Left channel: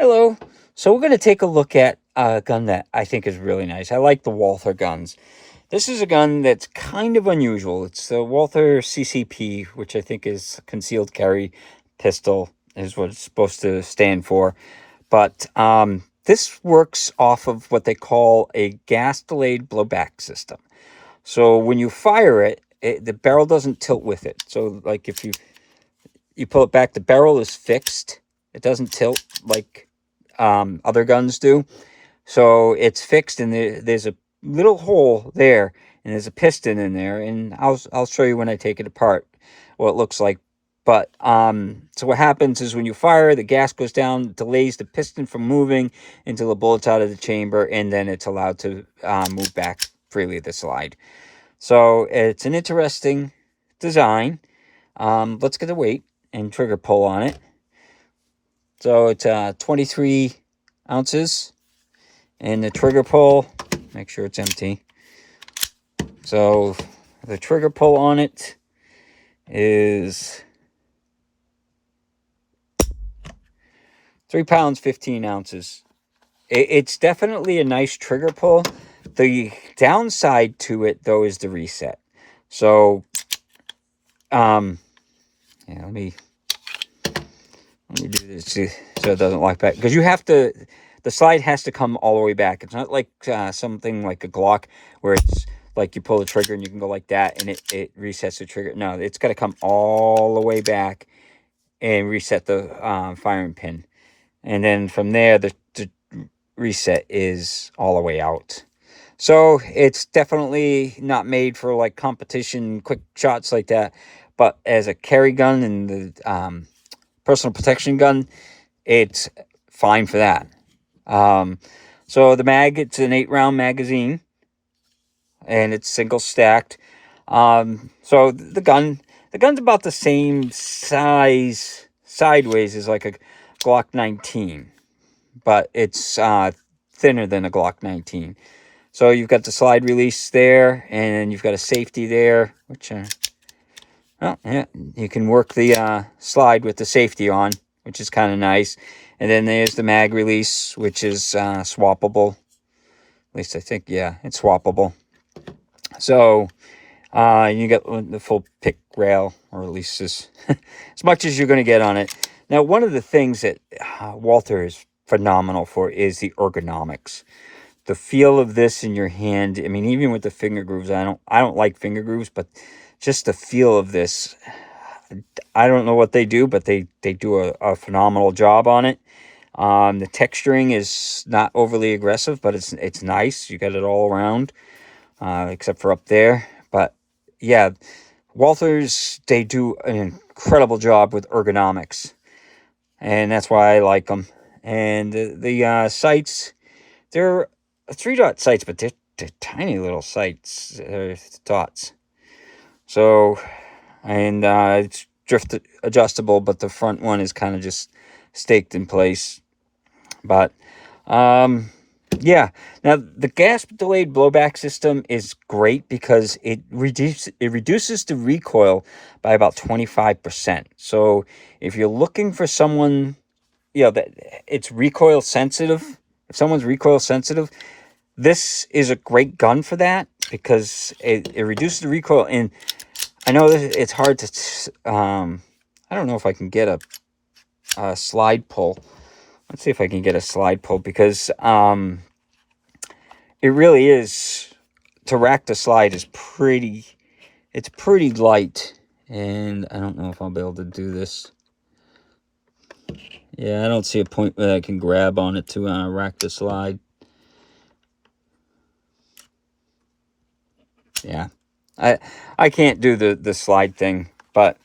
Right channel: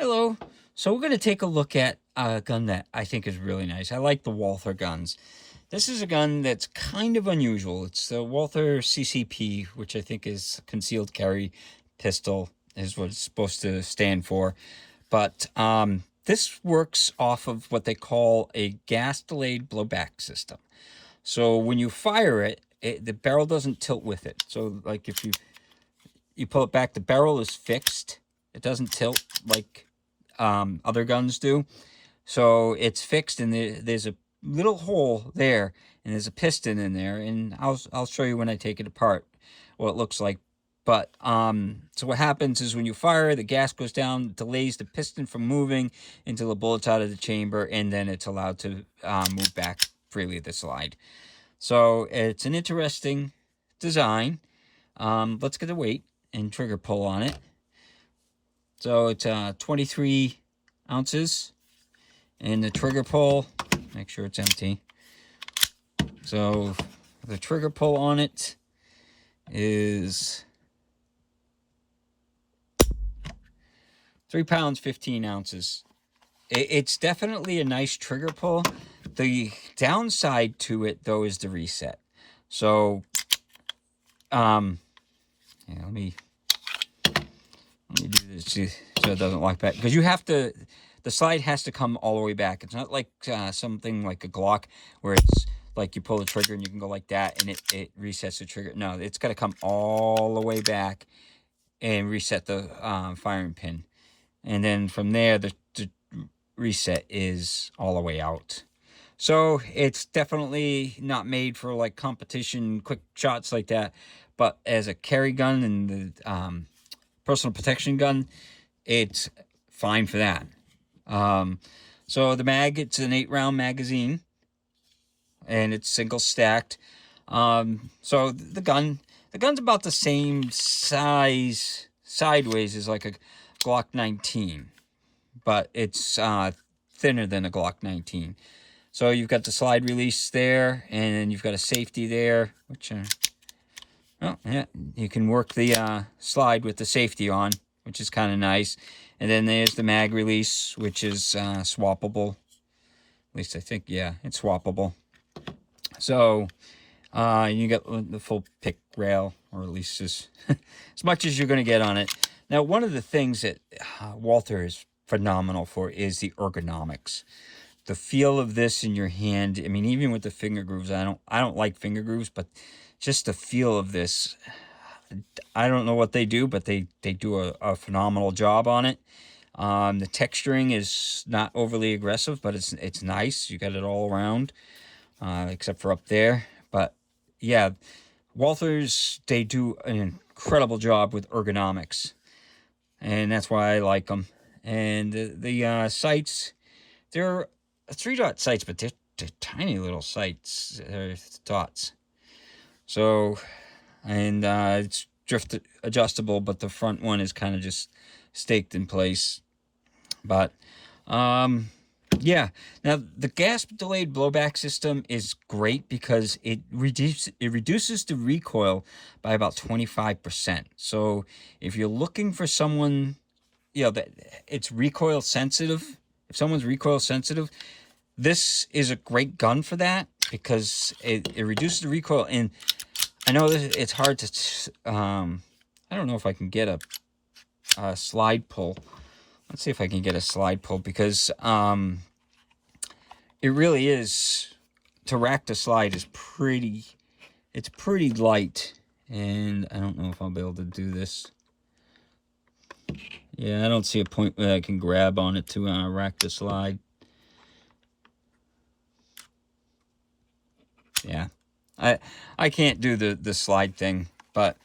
Hello. So we're going to take a look at a gun that I think is really nice. I like the Walther guns. This is a gun that's kind of unusual. It's the Walther CCP, which I think is concealed carry pistol, is what it's supposed to stand for. But this works off of what they call a gas-delayed blowback system. So when you fire it, the barrel doesn't tilt with it. So like if you pull it back, the barrel is fixed. It doesn't tilt like other guns do. So it's fixed, and there's a little hole there, and there's a piston in there, and I'll show you when I take it apart what it looks like. But so what happens is when you fire, the gas goes down, delays the piston from moving until the bullet's out of the chamber, and then it's allowed to move back freely the slide. So it's an interesting design. Let's get the weight and trigger pull on it. So it's 23 ounces, and the trigger pull, make sure it's empty. So the trigger pull on it is 3 pounds, 15 ounces. It's definitely a nice trigger pull. The downside to it, though, is the reset. So, yeah, let me do this so it doesn't lock back, because you have to. The slide has to come all the way back. It's not like something like a Glock where it's like you pull the trigger and you can go like that and it resets the trigger. No, it's got to come all the way back and reset the firing pin. And then from there, the reset is all the way out. So it's definitely not made for like competition, quick shots like that. But as a carry gun and the personal protection gun, it's fine for that. So the mag, it's an 8-round magazine, and it's single stacked. So the gun's about the same size sideways as like a Glock 19, but it's thinner than a Glock 19. So you've got the slide release there, and you've got a safety there, which well, yeah, you can work the slide with the safety on, which is kind of nice. And then there's the mag release, which is swappable. At least I think, yeah, it's swappable. So you get the full pick rail, or at least as much as you're going to get on it. Now, one of the things that Walther is phenomenal for is the ergonomics. The feel of this in your hand. I mean, even with the finger grooves, I don't like finger grooves, but just the feel of this, I don't know what they do, but they do a phenomenal job on it. The texturing is not overly aggressive, but it's nice. You got it all around, except for up there. But yeah, Walthers, they do an incredible job with ergonomics, and that's why I like them. And the sights, they're 3-dot sights, but they're tiny little sights, dots. So, and it's drift adjustable, but the front one is kind of just staked in place. But yeah, now the gas delayed blowback system is great because it reduces the recoil by about 25%. So if you're looking for someone, that it's recoil sensitive, if someone's recoil sensitive, this is a great gun for that, because it reduces the recoil. And I know that it's hard to I don't know if I can get a slide pull. Let's see if I can get a slide pull, because it really is, to rack the slide is it's pretty light. And I don't know if I'll be able to do this. Yeah, I don't see a point where I can grab on it to rack the slide. Yeah, I can't do the slide thing, but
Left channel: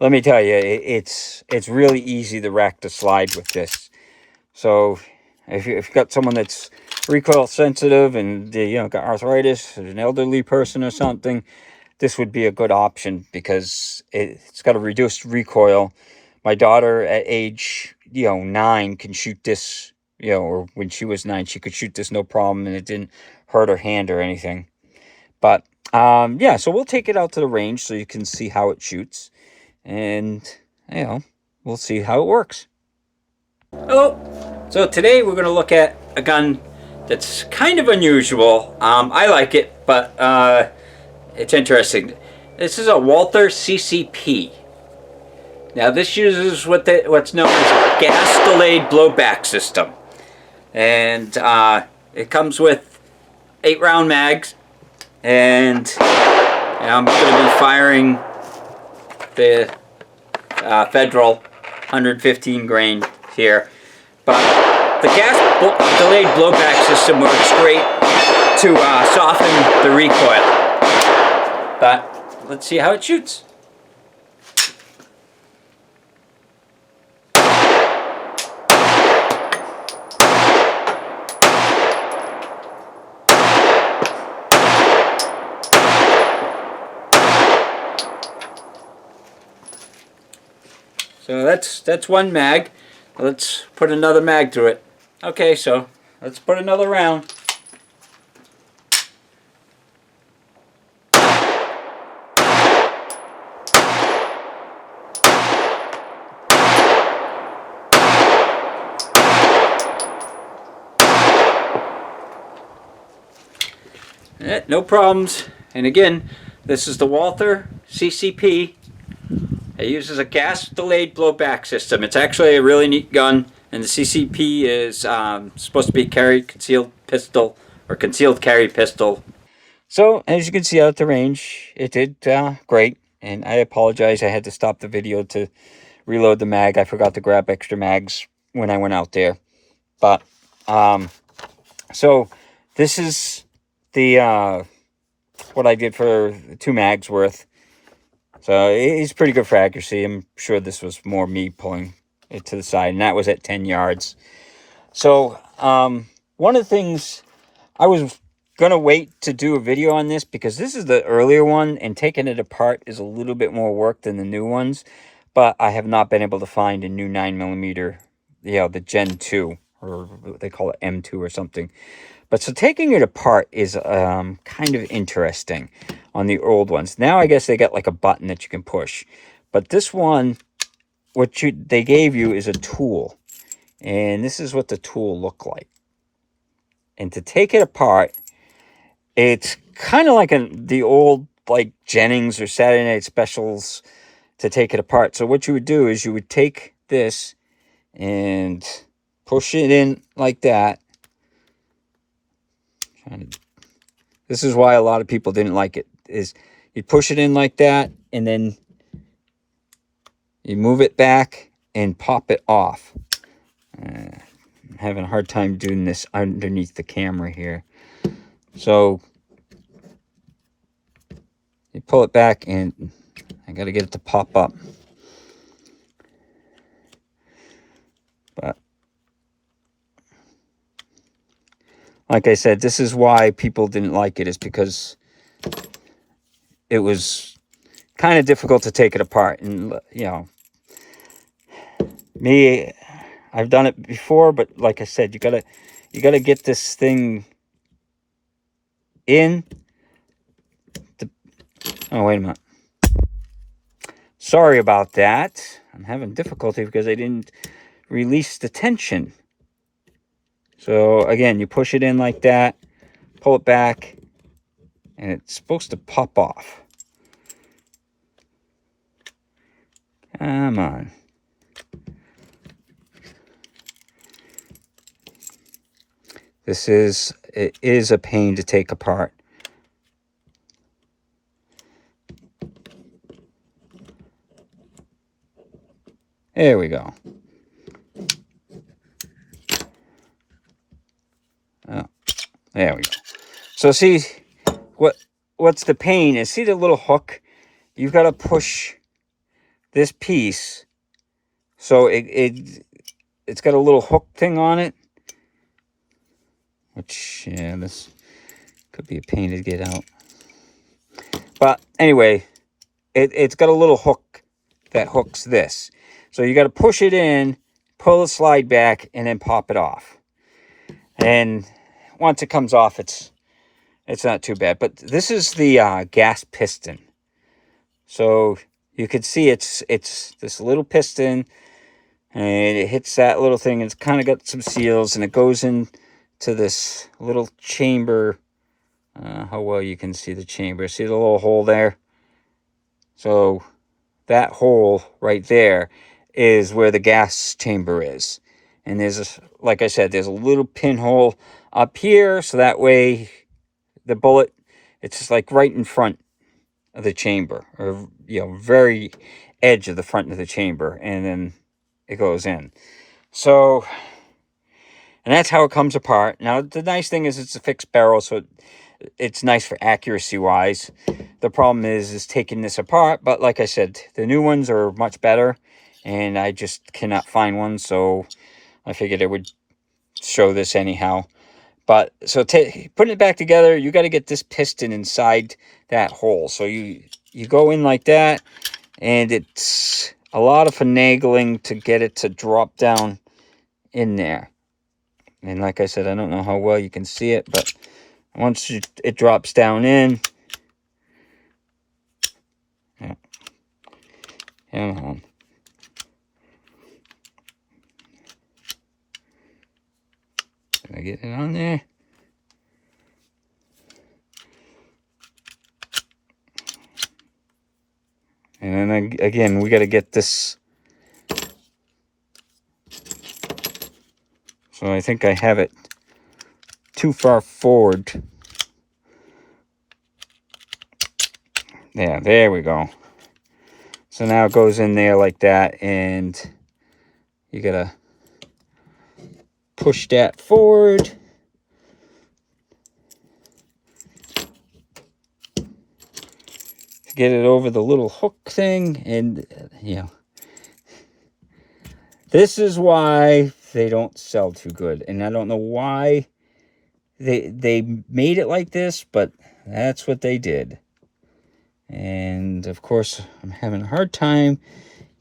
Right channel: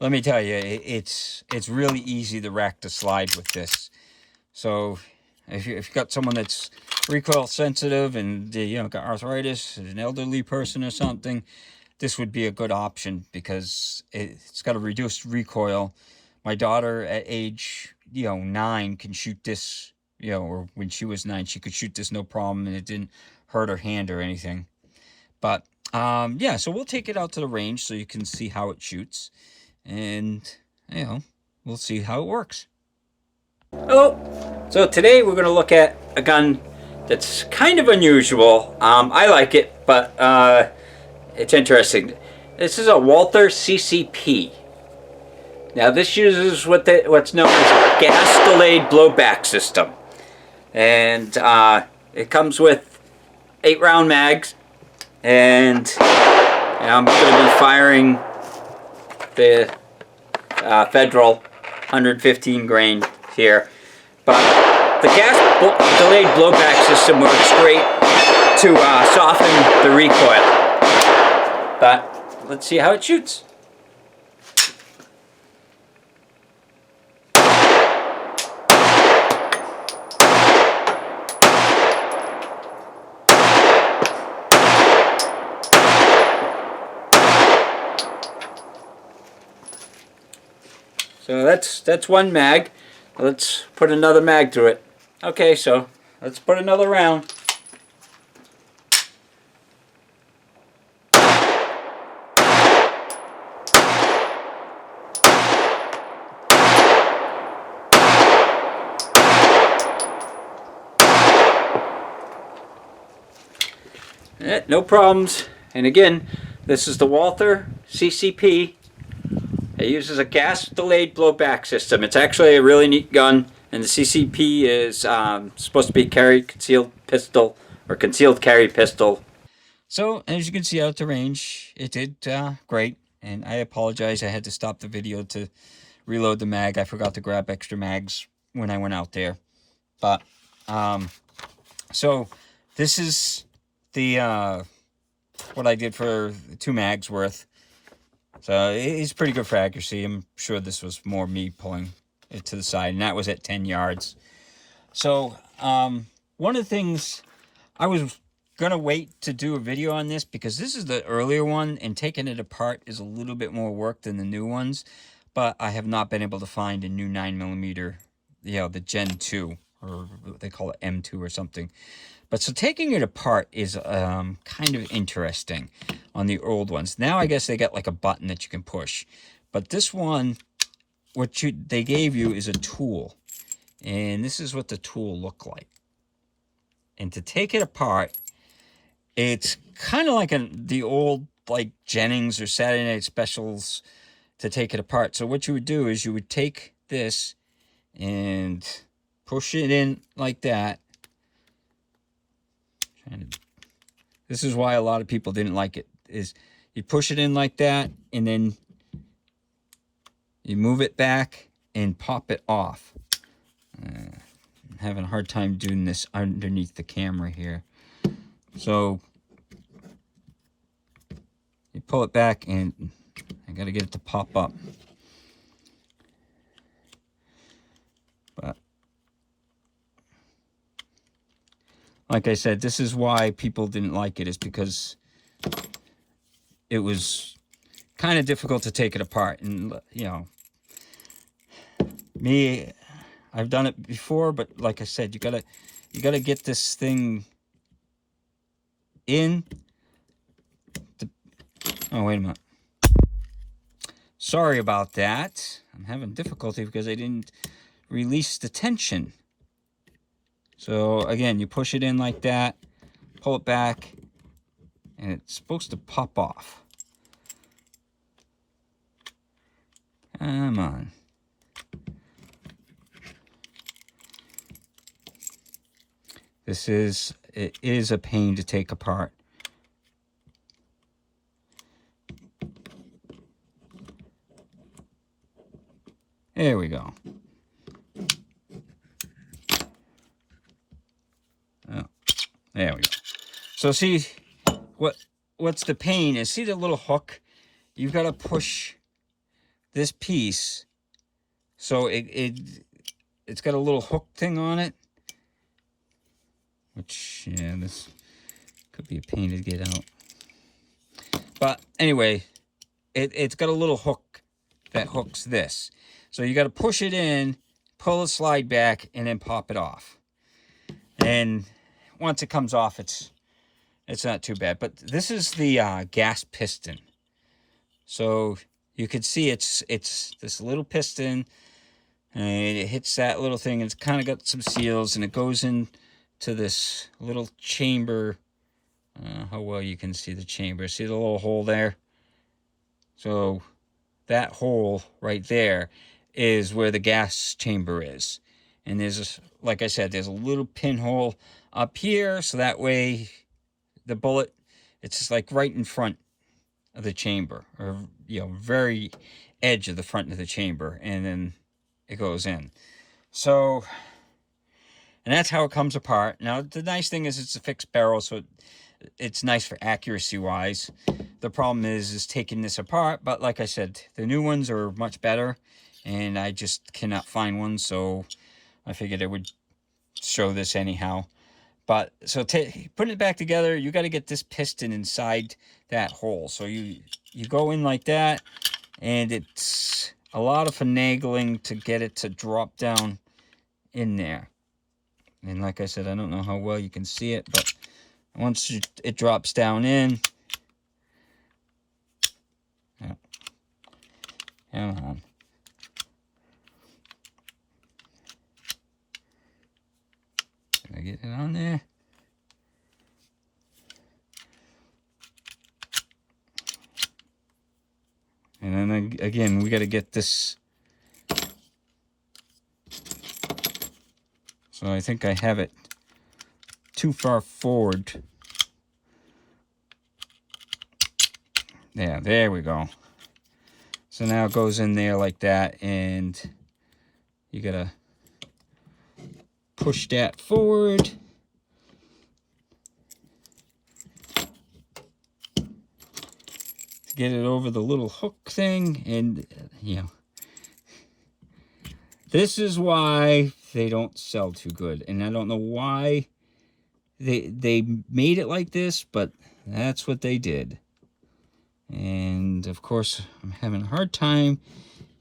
let me tell you, it's really easy to rack the slide with this. So if you've got someone that's recoil sensitive and got arthritis, or an elderly person or something, this would be a good option, because it's got a reduced recoil. My daughter at age 9 can shoot this, or when she was 9, she could shoot this no problem, and it didn't hurt her hand or anything. But yeah, so we'll take it out to the range so you can see how it shoots, and we'll see how it works. Hello. So today we're going to look at a gun that's kind of unusual. I like it, but it's interesting. This is a Walther CCP. Now this uses what's known as a gas-delayed blowback system. And it comes with 8-round mags. And I'm going to be firing the Federal 115 grain here. But the gas-delayed blowback system works great to soften the recoil. But let's see how it shoots. So that's one mag. Let's put another mag through it. Okay, so let's put another round. No problems. And again, this is the Walther CCP. It uses a gas-delayed blowback system. It's actually a really neat gun, and the CCP is supposed to be concealed pistol or concealed carry pistol. So as you can see out at the range, it did great. And I apologize, I had to stop the video to reload the mag. I forgot to grab extra mags when I went out there. But so this is the what I did for 2 mags worth. So it's pretty good for accuracy. I'm sure this was more me pulling it to the side, and that was at 10 yards. So one of the things, I was going to wait to do a video on this because this is the earlier one, and taking it apart is a little bit more work than the new ones. But I have not been able to find a new 9mm, the Gen 2, or they call it M2 or something. But so taking it apart is kind of interesting on the old ones. Now I guess they got like a button that you can push. But this one, they gave you is a tool. And this is what the tool looked like. And to take it apart, it's kind of like the old like Jennings or Saturday Night Specials to take it apart. So what you would do is you would take this and push it in like that. This is why a lot of people didn't like it, is you push it in like that, and then you move it back and pop it off. I'm having a hard time doing this underneath the camera here. So you pull it back, and I got to get it to pop up. But like I said, this is why people didn't like it, is because it was kind of difficult to take it apart. And, me, I've done it before, but like I said, you gotta get this thing in. Oh, wait a minute. Sorry about that. I'm having difficulty because I didn't release the tension. So again, you push it in like that, pull it back, and it's supposed to pop off. Come on. It is a pain to take apart. There we go. Oh, there we go. So see, what's the pain is, see the little hook? You've got to push this piece, so it's got a little hook thing on it, which, yeah, this could be a pain to get out. But anyway, it's got a little hook that hooks this. So you got to push it in, pull the slide back, and then pop it off. And once it comes off, it's not too bad. But this is the gas piston. So you can see it's this little piston, and it hits that little thing. It's kind of got some seals, and it goes into this little chamber. How well you can see the chamber. See the little hole there? So that hole right there is where the gas chamber is. And there's, like I said, there's a little pinhole up here, so that way the bullet, it's just like right in front of the chamber, or, you know, very edge of the front of the chamber, and then it goes in. So, and that's how it comes apart. Now, the nice thing is it's a fixed barrel, so it's nice for accuracy wise. The problem is taking this apart, but like I said, the new ones are much better, and I just cannot find one, so I figured I would show this anyhow. But so putting it back together, you got to get this piston inside that hole. So you go in like that, and it's a lot of finagling to get it to drop down in there. And like I said, I don't know how well you can see it, but once it drops down in, yeah. Can I get it on there? And then again, we got to get this. So I think I have it too far forward. Yeah, there we go. So now it goes in there like that, and you gotta push that forward. Get it over the little hook thing, and you know, this is why they don't sell too good. And I don't know why they made it like this, but that's what they did. And of course, I'm having a hard time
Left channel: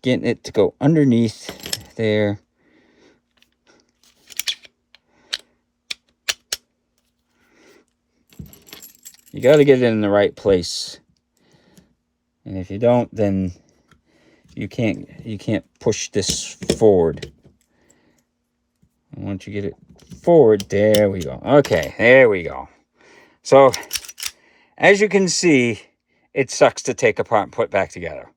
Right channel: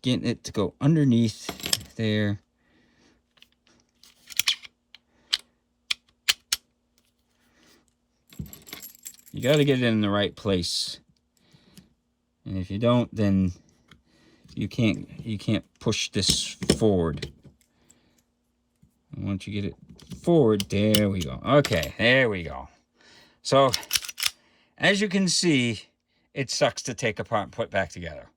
getting it to go underneath there. You got to get it in the right place. And if you don't, then you can't push this forward. And once you get it forward, there we go. Okay, there we go. So, as you can see, it sucks to take apart and put back together.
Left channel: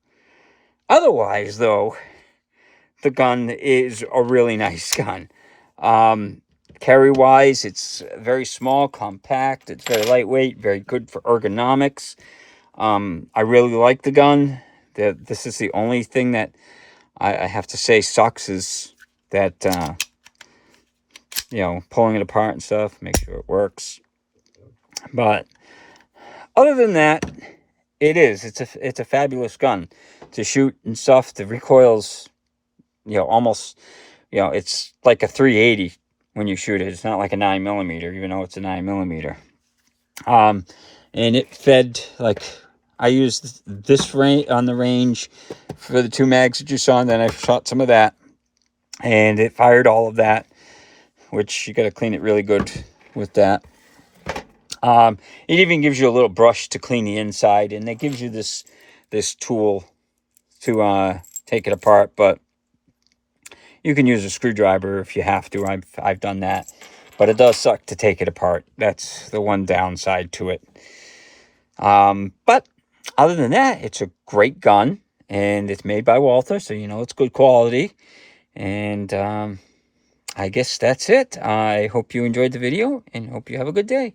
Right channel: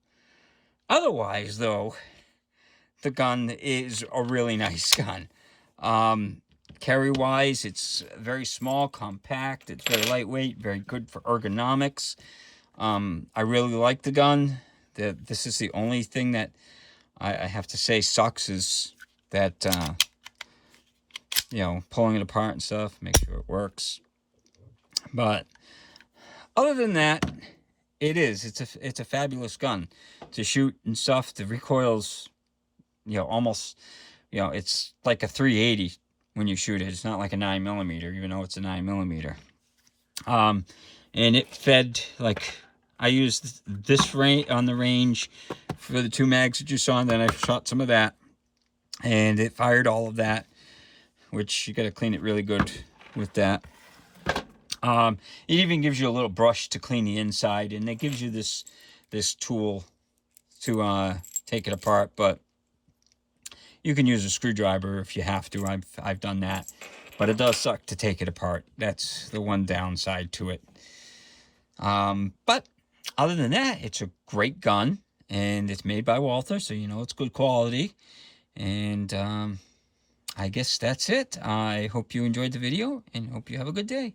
Otherwise, though, the gun is a really nice gun. Carry-wise, it's very small, compact. It's very lightweight, very good for ergonomics. I really like the gun. This is the only thing that I have to say sucks is that, you know, pulling it apart and stuff, make sure it works. But other than that, it's a fabulous gun to shoot and stuff. The recoil's, you know, almost, you know, it's like a 380 when you shoot it. It's not like a 9mm, even though it's a 9mm. And it fed, like, I used this on the range for the 2 mags that you saw, and then I shot some of that, and it fired all of that, which you got to clean it really good with that. It even gives you a little brush to clean the inside, and it gives you this tool to take it apart, but you can use a screwdriver if you have to. I've done that, but it does suck to take it apart. That's the one downside to it. But other than that, it's a great gun, and it's made by Walther, so you know it's good quality. And I guess that's it. I hope you enjoyed the video, and hope you have a good day.